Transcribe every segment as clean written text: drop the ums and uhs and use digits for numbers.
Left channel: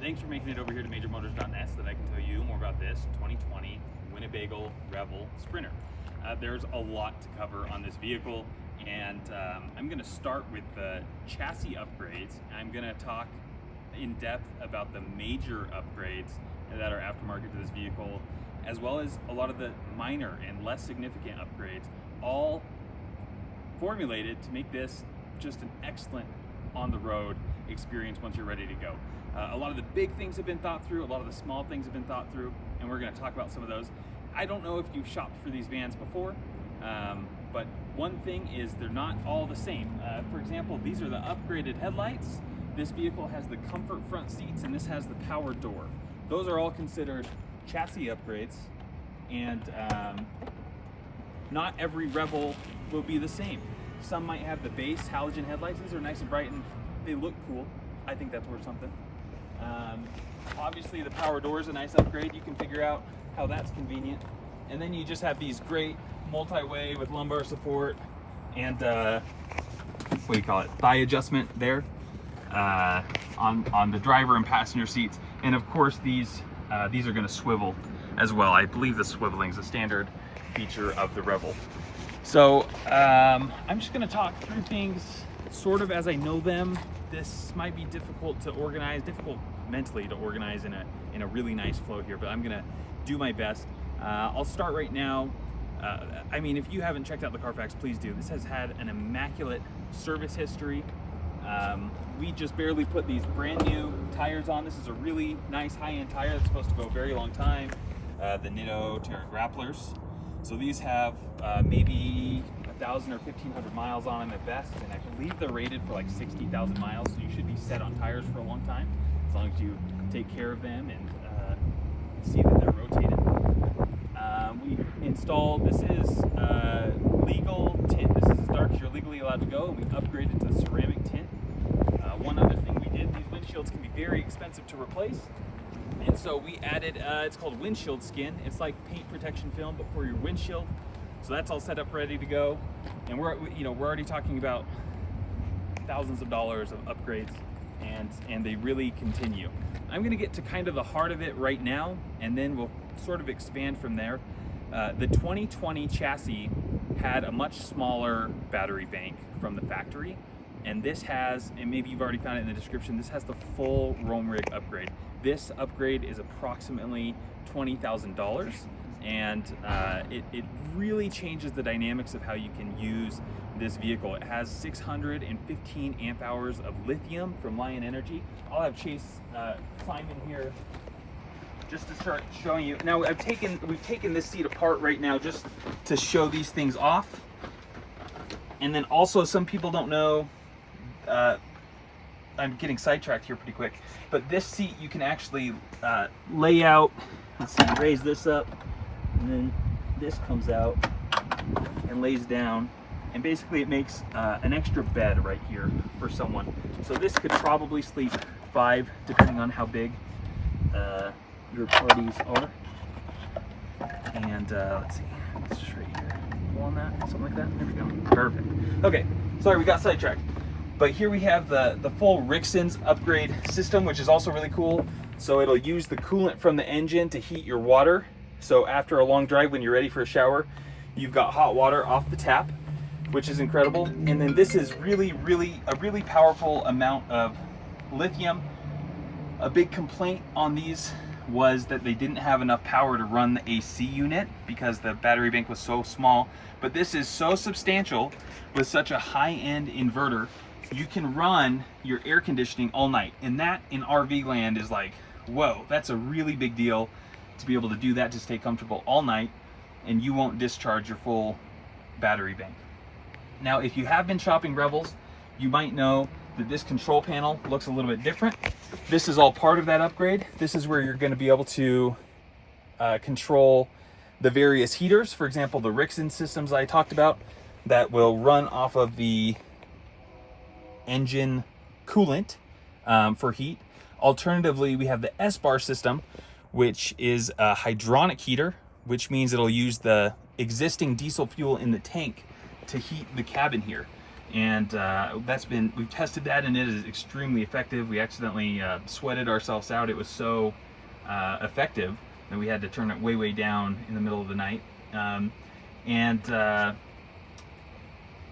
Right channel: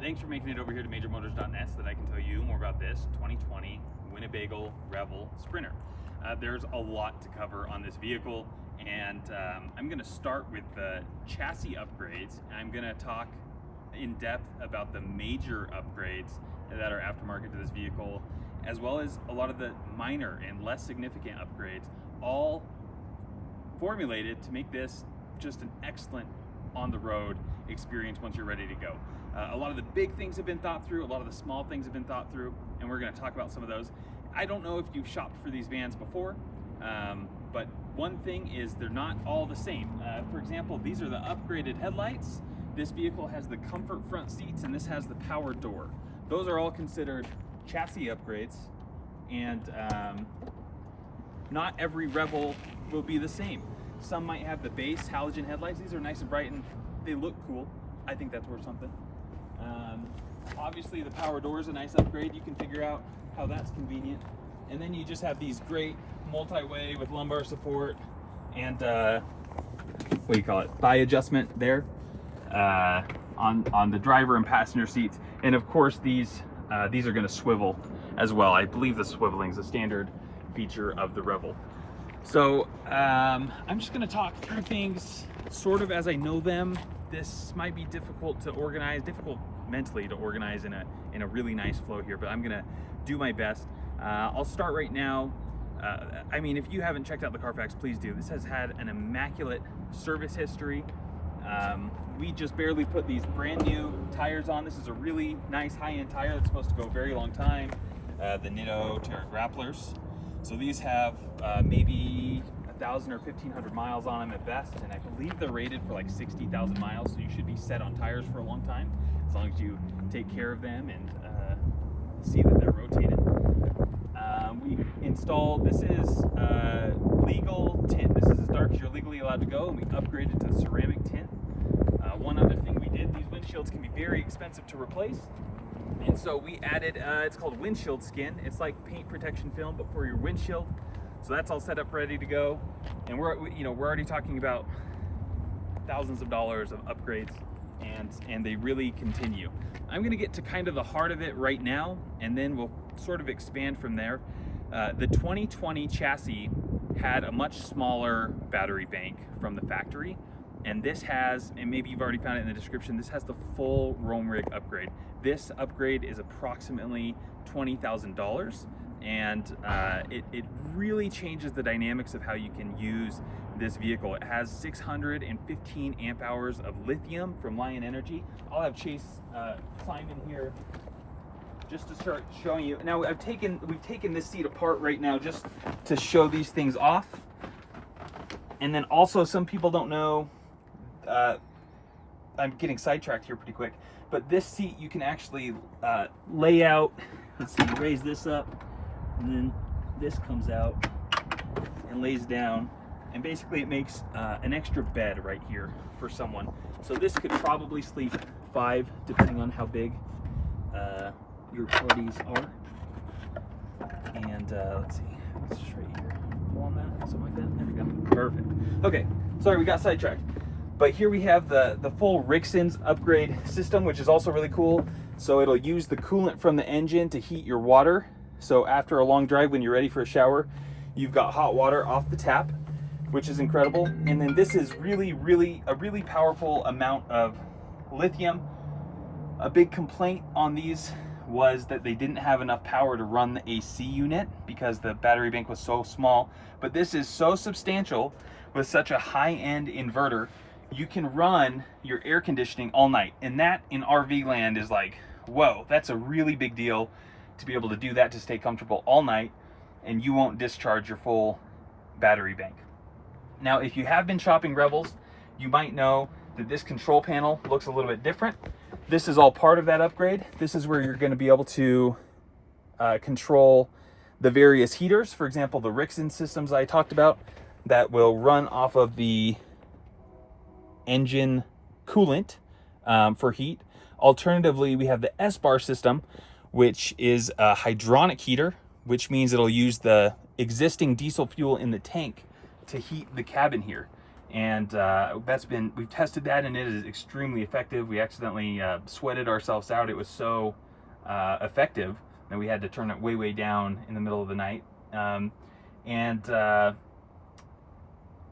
Thanks for making it over here to MajorMotors.net so that I can tell you more about this 2020 Winnebago Revel Sprinter. There's a lot to cover on this vehicle, and I'm going to start with the chassis upgrades. I'm going to talk in depth about the major upgrades that are aftermarket to this vehicle, as well as a lot of the minor and less significant upgrades, all formulated to make this just an excellent on-the-road experience once you're ready to go. A lot of the big things have been thought through, a lot of the small things have been thought through, and we're going to talk about some of those. I don't know if you've shopped for these vans before, but one thing is they're not all the same. For example, these are the upgraded headlights. This vehicle has the comfort front seats, and this has the power door. Those are all considered chassis upgrades, and not every Revel will be the same. Some might have the base halogen headlights. These are nice and bright and they look cool. I think that's worth something. Obviously the power door is a nice upgrade. You can figure out how that's convenient. And then you just have these great multi-way with lumbar support and what do you call it? Thigh adjustment there on the driver and passenger seats. And of course these are going to swivel as well. I believe the swiveling is a standard feature of the Revel. So I'm just going to talk through things sort of as I know them. This might be difficult to organize, difficult mentally to organize in a really nice flow here, but I'm going to do my best. I'll start right now. I mean, if you haven't checked out the Carfax, please do. This has had an immaculate service history. We just barely put these brand new tires on. This is a really nice high-end tire that's supposed to go a very long time. The Nitto Terra Grapplers. So these have maybe 1,000 or 1,500 miles on them at best, and I believe they're rated for like 60,000 miles, so you should be set on tires for a long time, as long as you take care of them and see that they're rotated. We installed, this is legal tint. This is as dark as you're legally allowed to go, and we upgraded to ceramic tint. One other thing we did, these windshields can be very expensive to replace. And so we added, it's called windshield skin. It's like paint protection film, but for your windshield. So that's all set up, ready to go. And we're already talking about thousands of dollars of upgrades, and they really continue. I'm gonna get to kind of the heart of it right now, and then we'll sort of expand from there. The 2020 chassis had a much smaller battery bank from the factory. And this has, and maybe you've already found it in the description, this has the full Roam Rig upgrade. This upgrade is approximately $20,000, and it really changes the dynamics of how you can use this vehicle. It has 615 amp hours of lithium from Lion Energy. I'll have Chase climb in here just to start showing you. Now we've taken this seat apart right now just to show these things off. And then also, some people don't know, I'm getting sidetracked here pretty quick, but this seat you can actually lay out. Let's see, raise this up, and then this comes out and lays down, and basically it makes an extra bed right here for someone. So this could probably sleep 5, depending on how big your parties are. And let's see, it's just right here. Pull on that, something like that. There we go. Perfect. Okay, sorry, we got sidetracked. But here we have the full Rixon's upgrade system, which is also really cool. So it'll use the coolant from the engine to heat your water. So after a long drive, when you're ready for a shower, you've got hot water off the tap, which is incredible. And then this is really a really powerful amount of lithium. A big complaint on these was that they didn't have enough power to run the AC unit because the battery bank was so small. But this is so substantial with such a high-end inverter, you can run your air conditioning all night. And that in RV land is like, whoa, that's a really big deal to be able to do that, to stay comfortable all night, and you won't discharge your full battery bank. Now, if you have been shopping Revels, you might know that this control panel looks a little bit different. This is all part of that upgrade. This is where you're going to be able to control the various heaters. For example, the Rixon systems I talked about that will run off of the engine coolant for heat. Alternatively, we have the S-Bar system, which is a hydronic heater, which means it'll use the existing diesel fuel in the tank to heat the cabin here. And we've tested that, and it is extremely effective. We accidentally sweated ourselves out. It was so effective that we had to turn it way down in the middle of the night.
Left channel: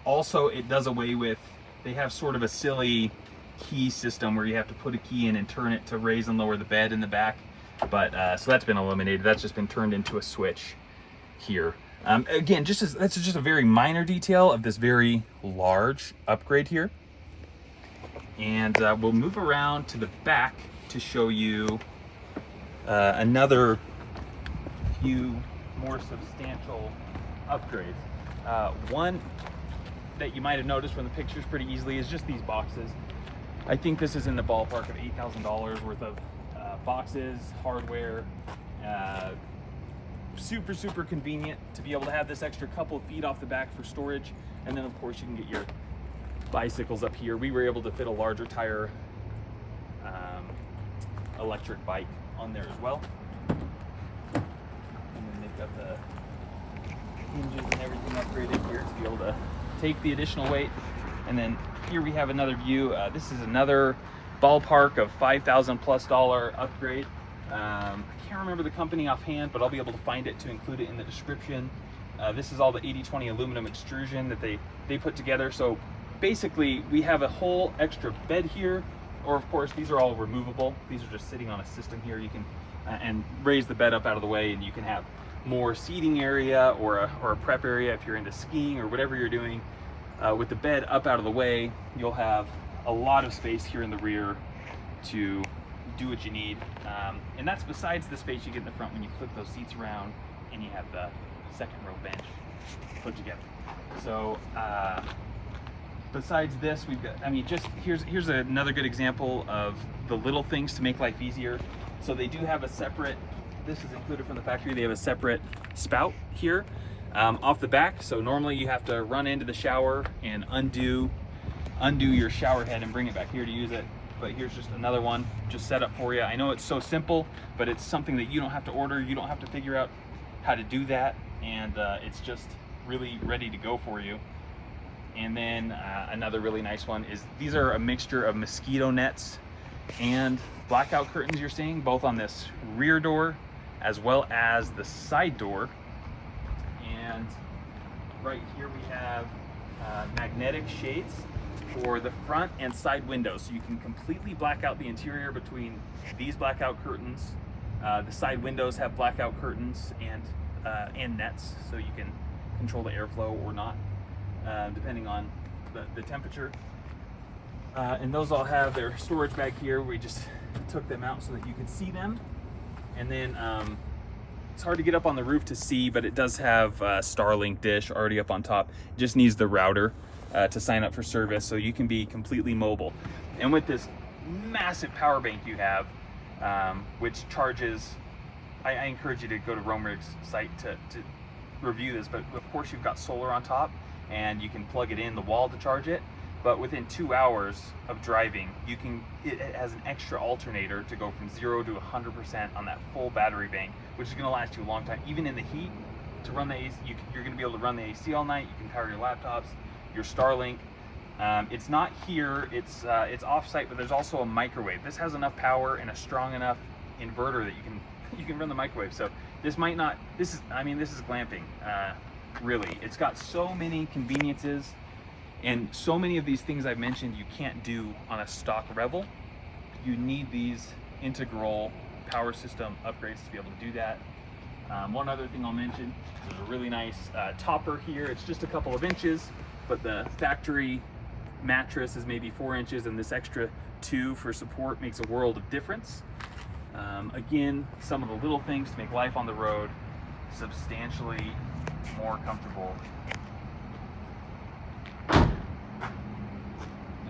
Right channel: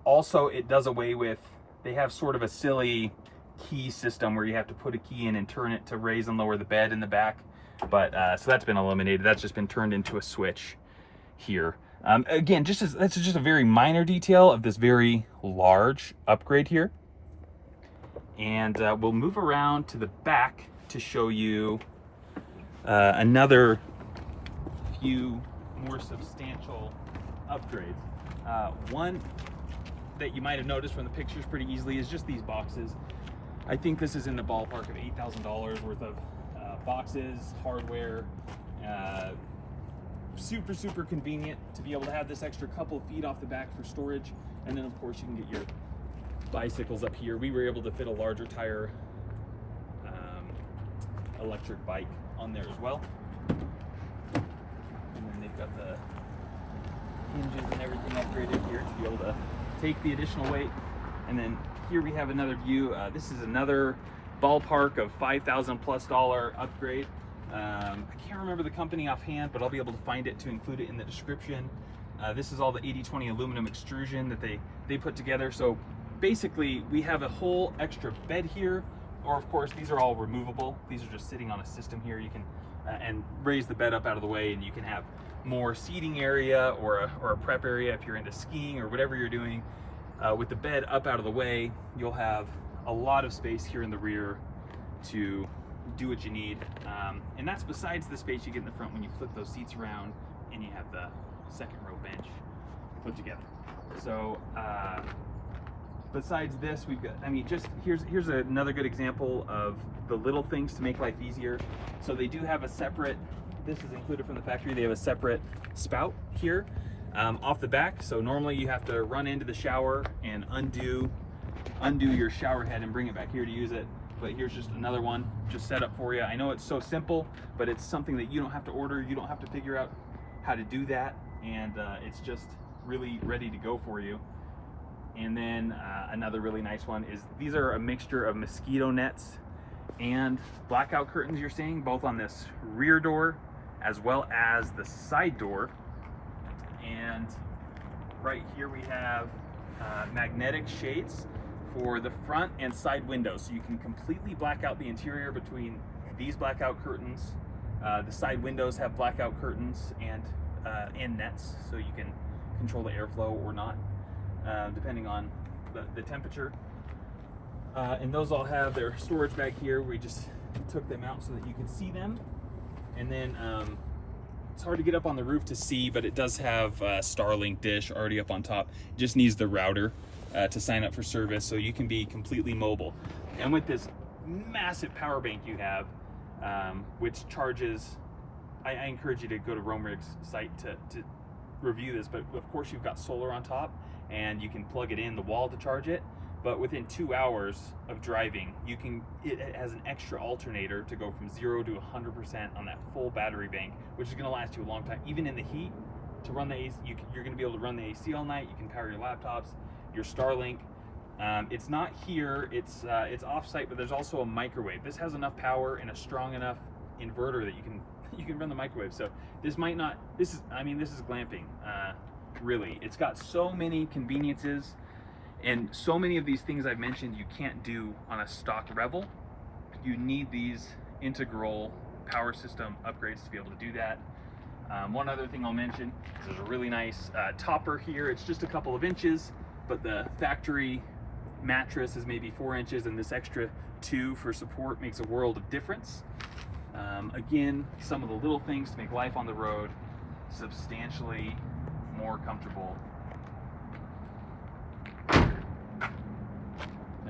Also, it does away with, they have sort of a silly key system where you have to put a key in and turn it to raise and lower the bed in the back. But so that's been eliminated. That's just been turned into a switch here. Again, that's just a very minor detail of this very large upgrade here. And we'll move around to the back to show you another few more substantial upgrades. One that you might have noticed from the pictures pretty easily is just these boxes. I think this is in the ballpark of $8,000 worth of boxes, hardware. Super convenient to be able to have this extra couple of feet off the back for storage. And then of course you can get your bicycles up here. We were able to fit a larger tire electric bike on there as well. And then they've got the hinges and everything upgraded here to be able to take the additional weight. And then here we have another view. This is another ballpark of $5,000+ upgrade. I can't remember the company offhand, but I'll be able to find it to include it in the description. This is all the 80/20 aluminum extrusion that they put together. So basically we have a whole extra bed here, or of course these are all removable. These are just sitting on a system here. You can and raise the bed up out of the way, and you can have more seating area or a prep area if you're into skiing or whatever you're doing. With the bed up out of the way, you'll have a lot of space here in the rear to do what you need. And that's besides the space you get in the front when you flip those seats around and you have the second row bench put together. So besides this, we've got, I mean, just here's another good example of the little things to make life easier. So they do have a separate, this is included from the factory, they have a separate spout here off the back. So normally you have to run into the shower and undo your shower head and bring it back here to use it. But here's just another one just set up for you. I know it's so simple, but it's something that you don't have to order. You don't have to figure out how to do that. And it's just really ready to go for you. And then another really nice one is these are a mixture of mosquito nets and blackout curtains you're seeing both on this rear door as well as the side door. And right here we have magnetic shades for the front and side windows, so you can completely black out the interior between these blackout curtains. The side windows have blackout curtains and nets, so you can control the airflow or not, depending on the temperature. And those all have their storage bag here. We just took them out so that you could see them. And then it's hard to get up on the roof to see, but it does have a Starlink dish already up on top. It just needs the router to sign up for service, so you can be completely mobile. And with this massive power bank you have, which charges, I encourage you to go to Romerig's site to review this, but of course you've got solar on top and you can plug it in the wall to charge it. But within 2 hours of driving, it has an extra alternator to go from 0 to 100% on that full battery bank, which is going to last you a long time. Even in the heat, to run the AC, you're going to be able to run the AC all night. You can power your laptops, your Starlink. It's not here, it's off-site, but there's also a microwave. This has enough power and a strong enough inverter that you can run the microwave. So this might not, this is glamping, really. It's got so many conveniences. And so many of these things I've mentioned you can't do on a stock Revel. You need these integral power system upgrades to be able to do that. One other thing I'll mention, there's a really nice topper here. It's just a couple of inches, but the factory mattress is maybe 4 inches, and this extra 2 for support makes a world of difference. Again, some of the little things to make life on the road substantially more comfortable.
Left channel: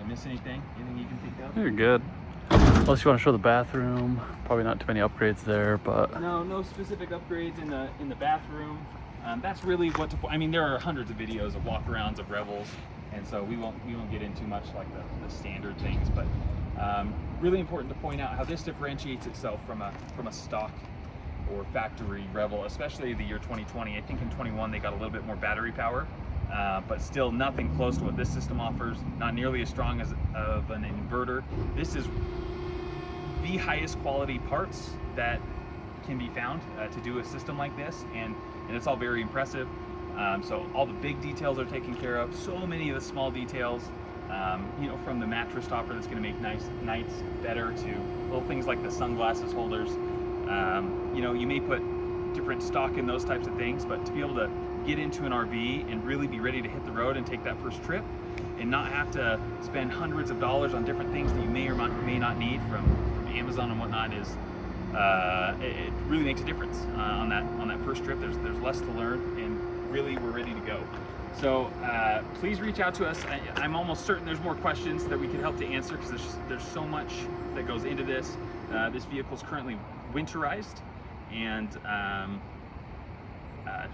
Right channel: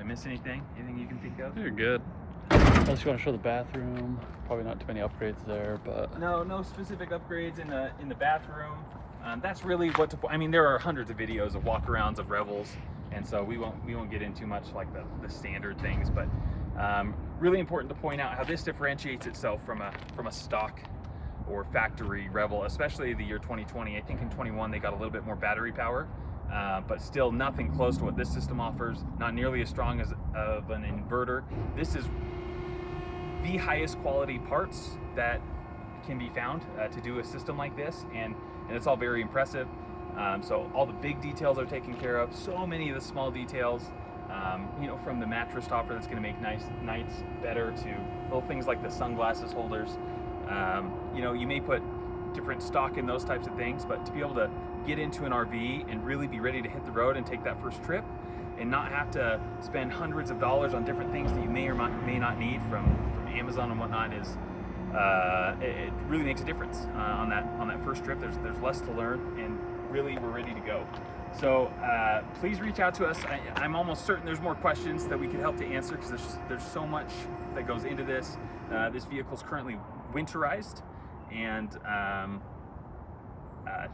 Miss anything? Anything you can think of? You're good. Unless you want to show the bathroom, probably not too many upgrades there, but no specific upgrades in the bathroom. That's really what I mean. There are hundreds of videos of walkarounds of Revels, and so we won't get into much like the standard things. But really important to point out how this differentiates itself from a stock or factory Revel, especially the year 2020. I think in 21 they got a little bit more battery power. but still nothing close to what this system offers. Not nearly as strong as of an inverter. This is the highest quality parts that can be found to do a system like this, and it's all very impressive. So all the big details are taken care of. So many of the small details, you know, from the mattress topper that's going to make nights better to little things like the sunglasses holders. You know, you may put different stock in those types of things, but to be able to get into an RV and really be ready to hit the road and take that first trip, and not have to spend hundreds of dollars on different things that you may or may not need from Amazon and whatnot, is it really makes a difference on that first trip. There's less to learn, and really we're ready to go. So please reach out to us. I'm almost certain there's more questions that we can help to answer, because there's so much that goes into this. This vehicle is currently winterized, and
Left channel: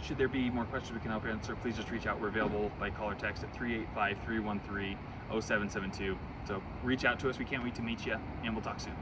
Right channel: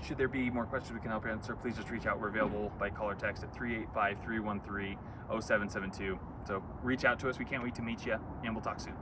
should there be more questions we can help answer, please just reach out. We're available by call or text at 385-313-0772. So reach out to us. We can't wait to meet you, and we'll talk soon.